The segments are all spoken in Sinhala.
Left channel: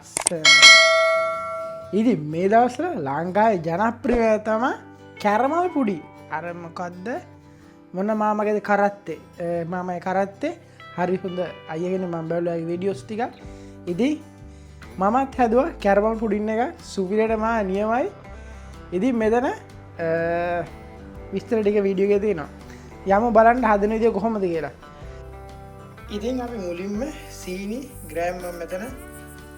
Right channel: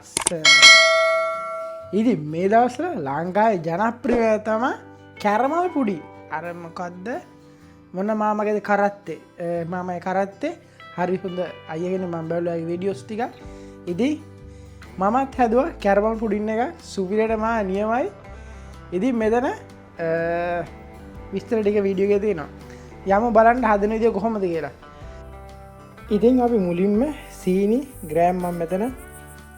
ලස්සන. ඉතින් මේ දවස්වල ලංකාවේ ජනප්‍රිය තමයි කැරමල් පුඩි. අර මොකද්ද මොන මාමගේද කරත්තේ. මාමයි කරත්තේ හරි හොඳ අයගෙන මම බැලුවා වීඩියෝස් ටික. ඉතින් මමත් හැදුවා කැරමල් පුඩින් එක සුපිරියටම නියමයි. ඉතින් මෙතන විස්තර ටික වීඩියෝ එකේ තියෙනවා. යමු බලන්න හදන විදිය කොහොමද කියලා. ඉතින් අපි මුලින්ම සීනි ග්‍රෑම් මම මෙතන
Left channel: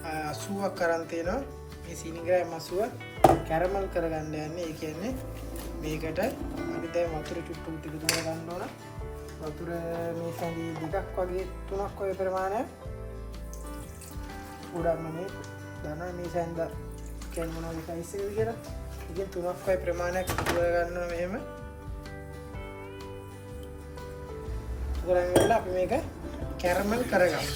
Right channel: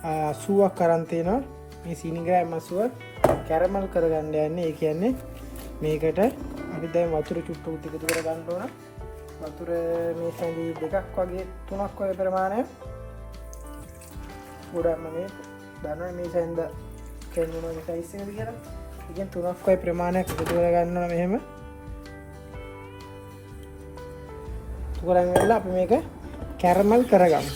80ක් අරන් තියෙනවා. මේ සීනි ග්‍රෑම් 80 කැරමල් කරගන්න යන්නේ. ඒ කියන්නේ මේකට අපි දැන් වතුර චුට්ටක් ටික කර ගන්න ඕන. වතුර මේ සැලි දෙකක් වගේ තුනක් වගේ ප්‍රමාණය. උඩම මේ දන්නේ මේ සැන්ද කැමරා එක සයිස් එකද කියලා. ඉතින් තුනක් වගේ ප්‍රමාණයක් එකතු කර ගන්නවා මෙහෙම. කරගෙන අපි මේක කැරමල් කරගමු.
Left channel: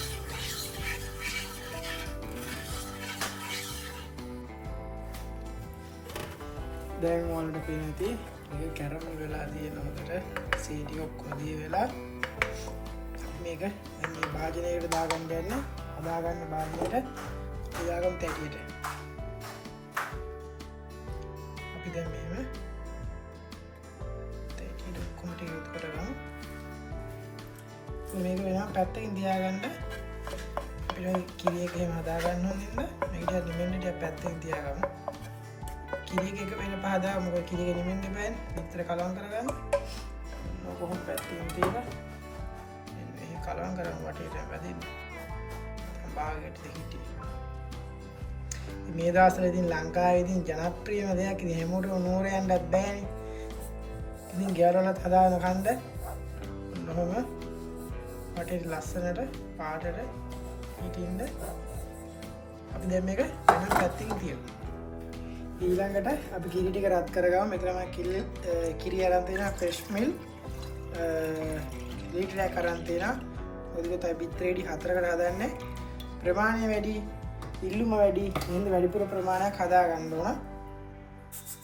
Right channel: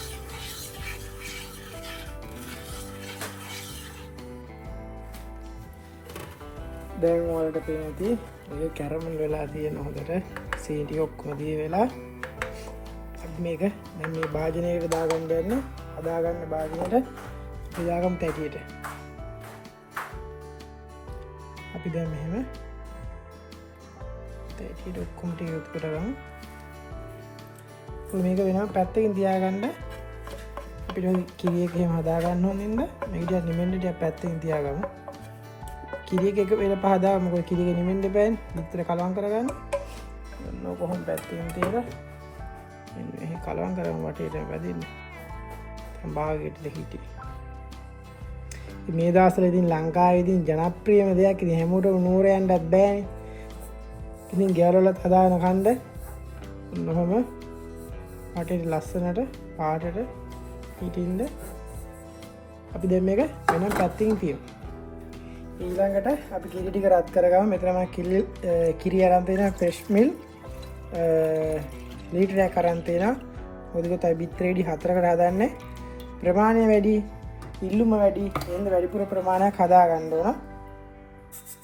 දැන් වලට පේනදී මේක කැරමල් වෙලා තියෙන හොඳට සීටි ඔක්කොම දී වෙලා අපි මේක දැන් මේ භාජනයකට දාගන්න යන්නේ. හදාගන්න භාජනයට දාගමු තැටියට. අපි දැන් මෙහෙම තැටියට ඔක්කොම ටික එකතු කරගමු. මේක වෙනවා පැත්තකින් තියාගන්න. අපිට කිරියක එහෙම හදාගන්න ඕනින්ද මේක නිමෙන්න ටික පැත්තකින් තියාගමු. කිරියක එක පෙර පහදා මොකද කිරියක නිමෙන්න බෑනේ. විතර කලවම් කරගන්න. කොහොමද පැත්තකින් තියලා මේ කලවම් කරන් වටේට වැදින්න. භාගයට හිටි. මේ දවස්වල ඉතින් ලංකාවේ ඉතින් ජනප්‍රියම දෙයක් ඉතින් හැමෝටම නුවර යන්නත් බෑනේ. ඉතින් ගෙවලවලත් හදාගෙන කන්න මොනම වටේට ලස්සනට පාටට හිටින්න අපි දැන් මේක මොන පැත්තකින් තියමු. ඊළඟට අපි කිරි ටික රත් කරගමු. මෙතන මම කිරි අරන් තියෙනවා ෆ්‍රෙෂ් මිල් ලීටරයක් අරන් තියෙනවා. මොකද තව බිත්තරේඩි 4කට හදන්නේ. ප්‍රමාණය වැඩි, ඉල්ලුම වැඩි, එහෙනම් වැඩිපුර ප්‍රමාණයක් හදා ගන්න ඕන.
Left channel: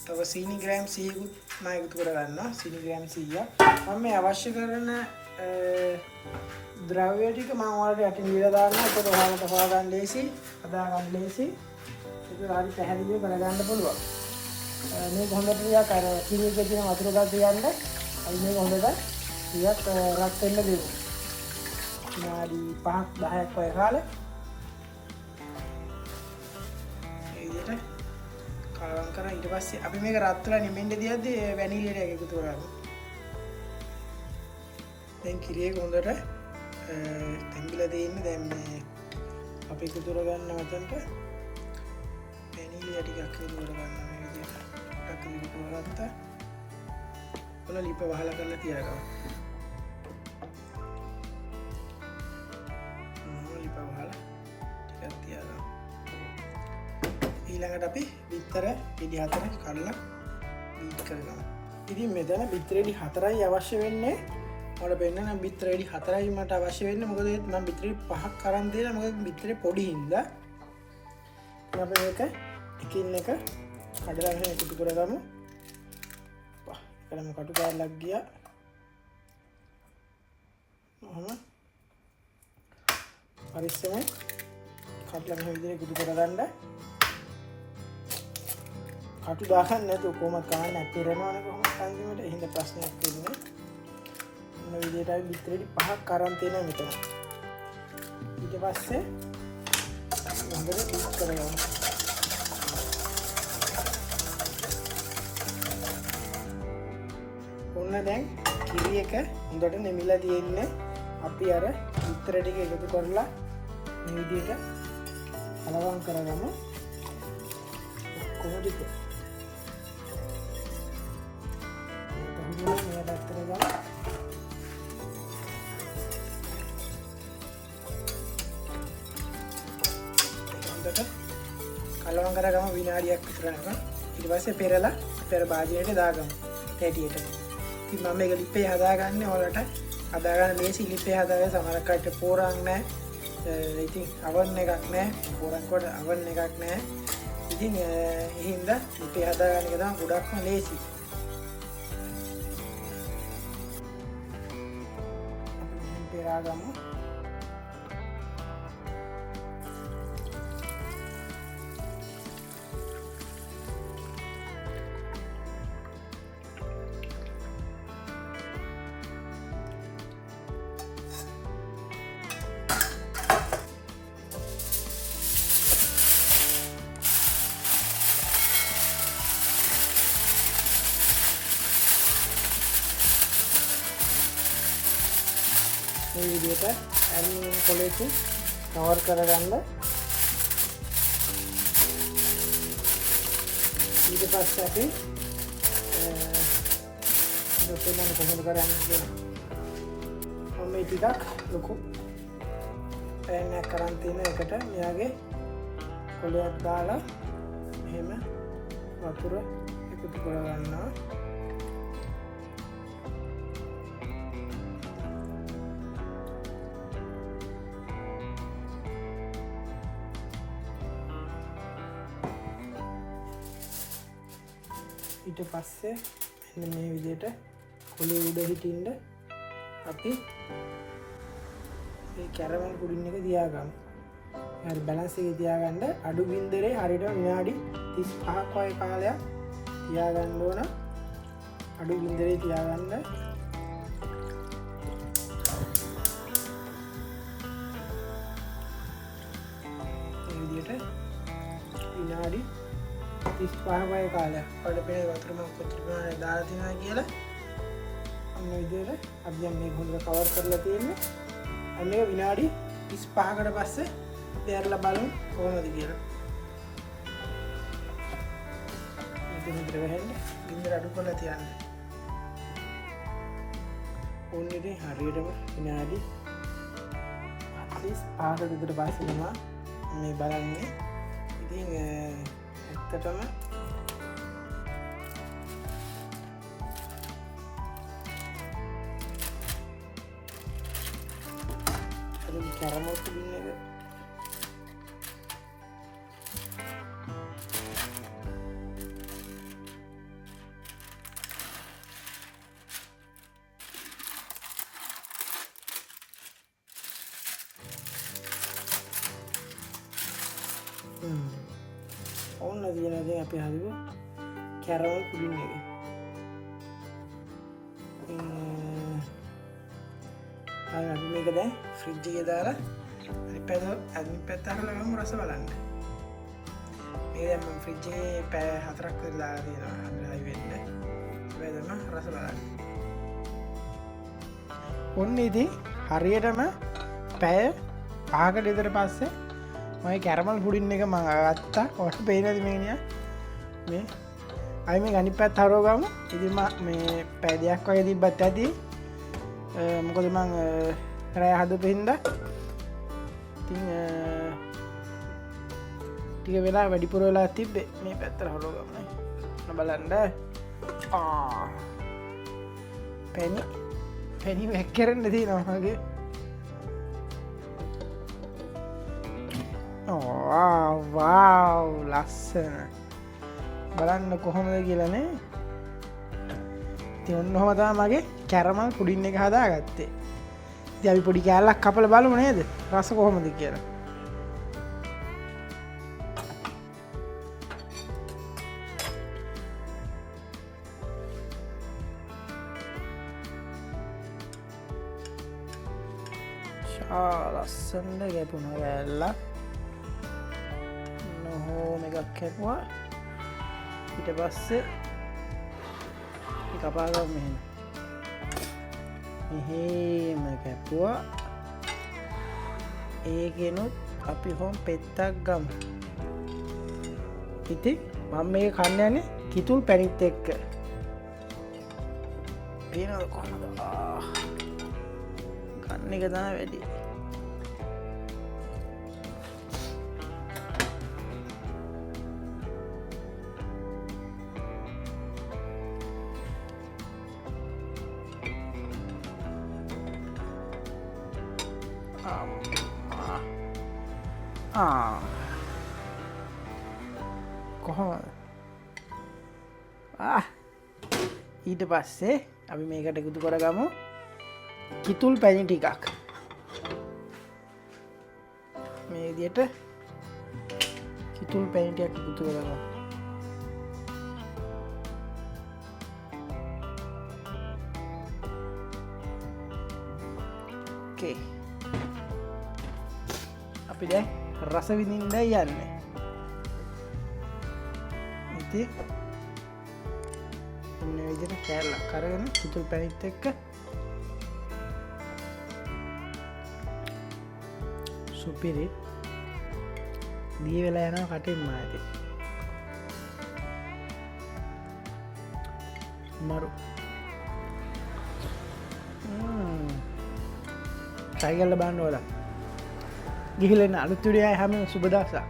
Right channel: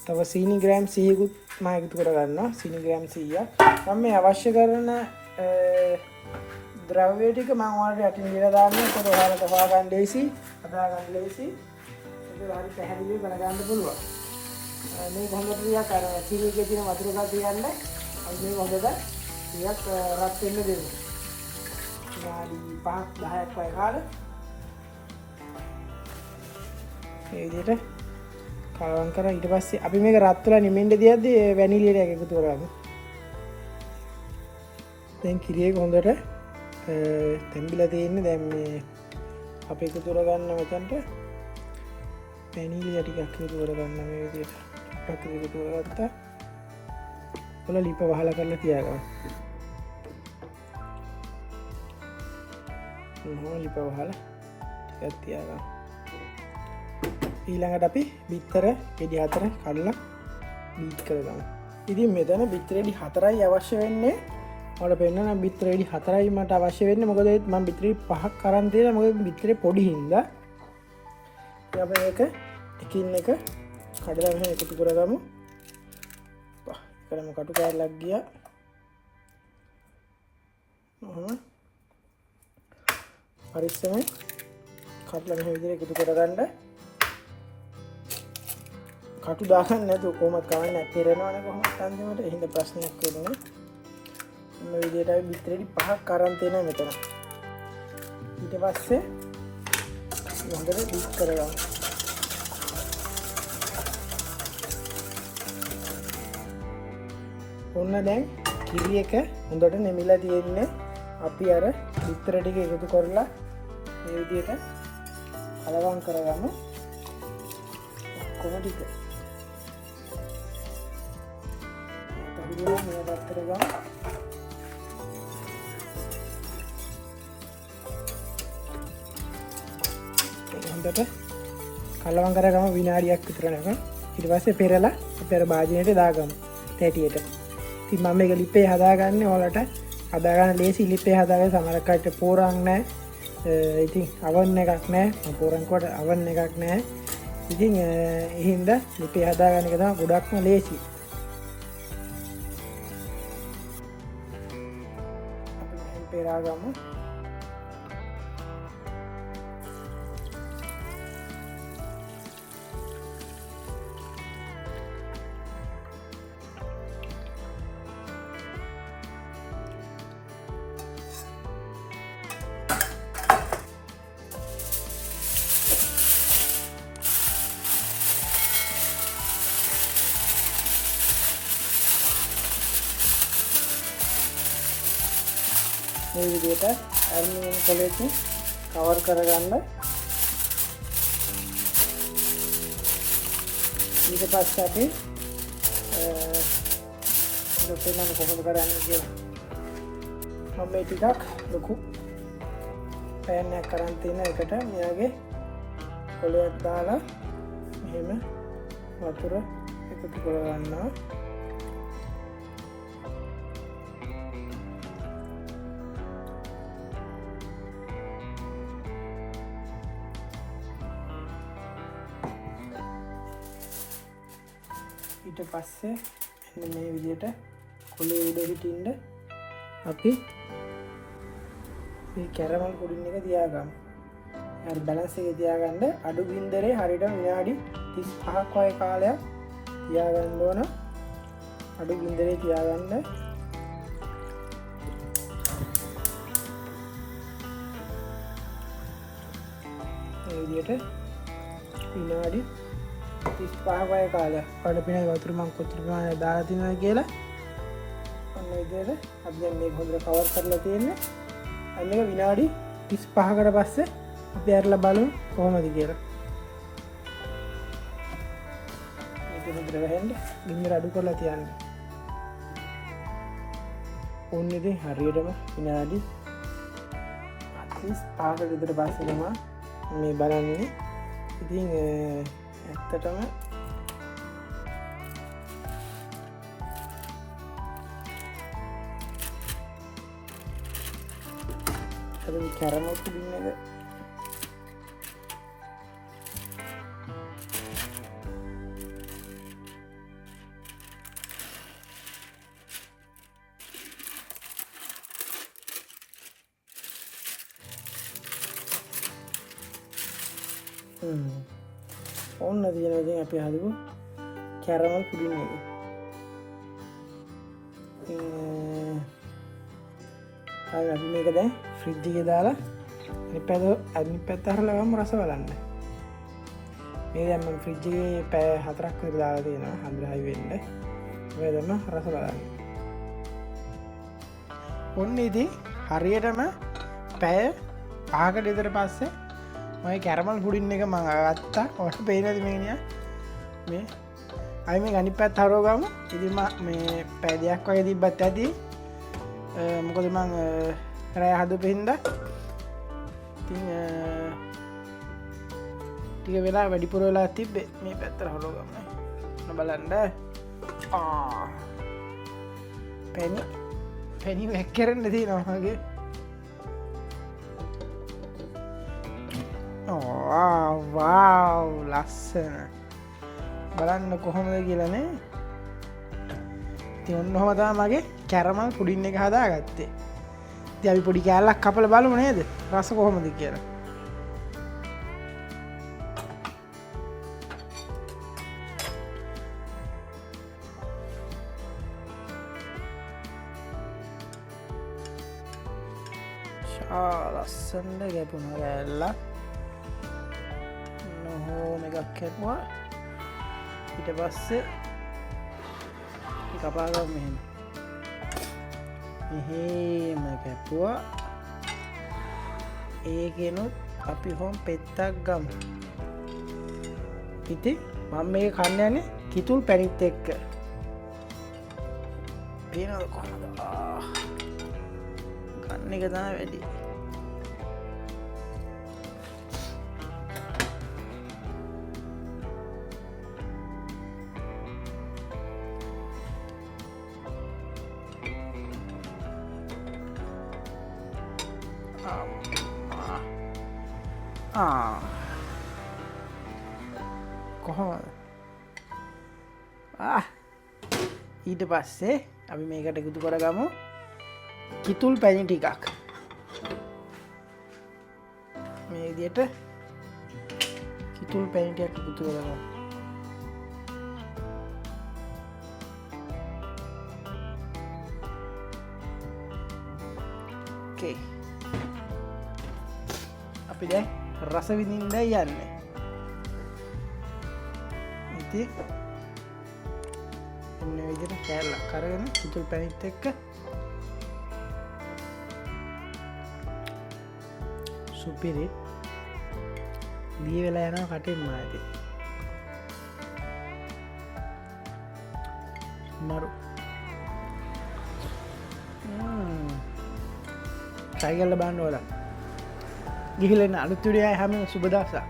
තව සීනි ග්‍රෑම් 100කුත් මම එකතු කරගන්නවා. සීනි ග්‍රෑම් 100. මම මේ අවශ්‍ය කරන ද්‍රව්‍ය ටික මම ඔයාලට යටින් දීලා දාන්නම්. ඒක ඔයාලට හොයාගන්න ලේසි, හදාගන්න ලේසි. ඒක හරි පැහැදිලිව බලගන්න පුළුවන්. මේ හොඳට ටිකක් අර කිරි එකේ තියෙන වතුර ගන්න තියන්න. මේ හොඳට ටිකක් රත් වෙන්න දෙන්න. නාඩි 5-10ක් වගේ කාලේ ඒ විදිහට කාරම් කරලා ඊට පස්සේ අපි මේක රත් වෙලා නිමෙන්න දියද්දී වැනිලිය ටික එකතු කරගන්න. දැන් කිරි එක හොඳට තැම්බිලා තියෙන්නේ. දැන් මේ අපි එකතු කරගන්න මෙතනට වැනිලිය ටිකක් එකතු කරගන්න මේ විදිහට. අපි එකතු කරගත්තා. ඔල ලිප වහලා කරලා තියාගන්න. ලිප වහලා ටිකක් තියාගන්න. ඊළඟට අපි බිත්තර ගෙඩි 4 කඩලා බීට් කරගමු. ඉතින් මෙතන බිත්තර ගෙඩි 4යි අවශ්‍ය වෙන්නේ. ඔයාලා පෙන්නන බිත්තර ගෙඩි 4යි මට අවශ්‍ය වෙන්නේ. මොකද මම බිත්තර ගෙඩි 5ක් අරන් තියෙනවා. මොකද බිත්තරේ පොඩි හින්දා. අපි මේක එකින් එක කඩලා මෙහෙම එකතු කරගමු. කරමු කටු කාරලක් ගියා. පරිස්සමෙන් කඩලා මෙහෙම විදිහට එකතු කරගන්න. කටු දාගන්න නැතුව කොහොමද ගන්න පෙරනවනේ කොහොමද අන්තිමට එහෙම ප්‍රශ්නයක් වෙන්නේ. මේ විදිහට අපි බිත්තරේටි 5ක් අරන් තියෙනවා මෙතන. ඊට පස්සේ හොඳට මික්ස් කරගන්න. ඔන්න දැන් කිරි එක හොඳට නෙමිලා තියෙන්නේ. අපි අර බිත්තර ටික එකතු කරලා මේ විදිහට කලවම් කරගමු. කොහොමද ටික කලවම් කරගමු විනාඩියක් විතර නම්. ඊට පස්සේ පෙරලා පෙර භාජනයට දාගමු තැටියට. ඉතින් මම මේක ලිපේ හදාගන්නේ ඔයාලට හදාගන්න ලේසි. ලිපේ හදාගන්න සමහරක් අයට පෝරාන් නැහැ. ඉතින් අවන් එකක් නැහැ. පෝරාන් කොට අවන් එකක් නැහැ. ඉතින් ඒ හින්දා ලිපේ හදාගන්න එක තමයි ගොඩක්ම ලේසි. පෙරාගමු. විදිහට ඇල්මිනියම් පොලේකින් කවර් කරගන්න. ඊට පස්සේ අපි කොහොමද කරන්නේ කියලා මම මේ ටිකක් ලොකු පැයක් කරන් තියෙන එකට මේ වගේ පොලයක් දාලා මෙහෙම වතුර එකතු කරගන්නවා. ඊට පස්සේ මේ විදිහට කොලේ උඩ හිටින්න අපි මේ කැරමල් පුඩින් එක තියාගමු. යාර බැලන්ස් එක තියාගන්න අඩු ගින්දරේ හරියට විනාඩි 35ක් වගේ කාලයක් තියාගන්න ඕන. අඩු ගින්දරේ තියාගන්න. මේ විදිහට විනාඩි 35 වගේ කාලයක් පඩපිනේ වතුර මම කොතර ගානේ දාලා තියනවා කියලා අන්න විදිහට අපි දැන් මේක හොඳට කවර් කරලා තියෙන්නේ. අන්න ඒක විනාඩි 35කට පස්සේ අපි ඇරලා බලමු කොහොමද කියලා. ඉතින් ඉතින් ගහන්නේ ගින්නර අඩු කරලා තියන්න. ඕන්නේ ඉතින් හරියටම විනාඩි 35කට විතර පස්සේ තමයි මේ බලන්නේ. ඉතින් ඇත්තටම කැරමල් පුඩින් එක ඔන්න තියෙනවා අපි හදුව කැරමල් පුඩින් එක. අපි මේක දැන් ෆ්‍රිජ් එකේ දාලා අනිත් පැත්ත අරලා ගමු රස බලන්න. මේ දැන් මම ෆ්‍රිජ් එකේ පැය 4ක් විතර දාලා තියෙනවා අnder හයි වෙන්න. මේ දැන් රස බලන්න. ඔන්න ඉතින් හරියටම පැය 5කට විතර පස්සේ මම කැරමල් පුඩින් එක මම ගත්තා. ඔයාලට පේනද මේනියා? මේ අයි මේ අනිත් පැත්ත හරව ගමු. ඉතින් මේ පැය දෙකක් වගේ තිබ්බත් ඇති. මොකද මං රෑ හදපු හින්දා ඉතින් ටික වෙලා වැඩිපුර වෙලා තිබ්බේ. මේ පැත්තට හරව ගමු. ඔන්න බලන්න. පැණි වැක්කරන්න තියෙනවා වගේ. වාව් ලස්සන. බලන්න කොහොමද කියලානේ. ඉතින් ඔන්න ඔහම තමයි මගේ කැරමල් පුඩින් එක හදාගත්තේ. ඉතින් අපි පොඩි කෑල්ලක් කපලා බලමු නේද? රස කොහොමද කියලා. ලස්සනට ගැපුණ කෑල්ලක්. නොහොම එකක් කැපුවා. ඊට පස්සේ කපා ගමු මෙහෙම. මෙහෙම කැපුවා. ඒකෙනුත් අපි හොම් පෙත්තක් ගමු. ඉතින් මම මේක කන්න යන්නේ කිතුල් පැණිත් එක්ක. පේනවද කොහමද? කන්න එක තමයි වැඩි. කොහොමද? ඊට පස්සේ අපි මේකට එකතු කරගමු කිතුල් පැණි ටිකක්. මේ විදිහට කිතුල් පැණි ටිකක් එකතු කරගමු. ඕකේ. අපි දැන් රස විඳින්න යන්නේ. ඉතින් මේ විදිහට කෑල්ලක් අරගෙන කිතුල් පැණිත් එක්ක සුපිරි දී වෙලා යනවා කටින්ම ඇති මරු ටයිගල්ල බාන්න ඕලා ගිහිලෙන්න අලුත්තුඩියයි හැම සුබදසා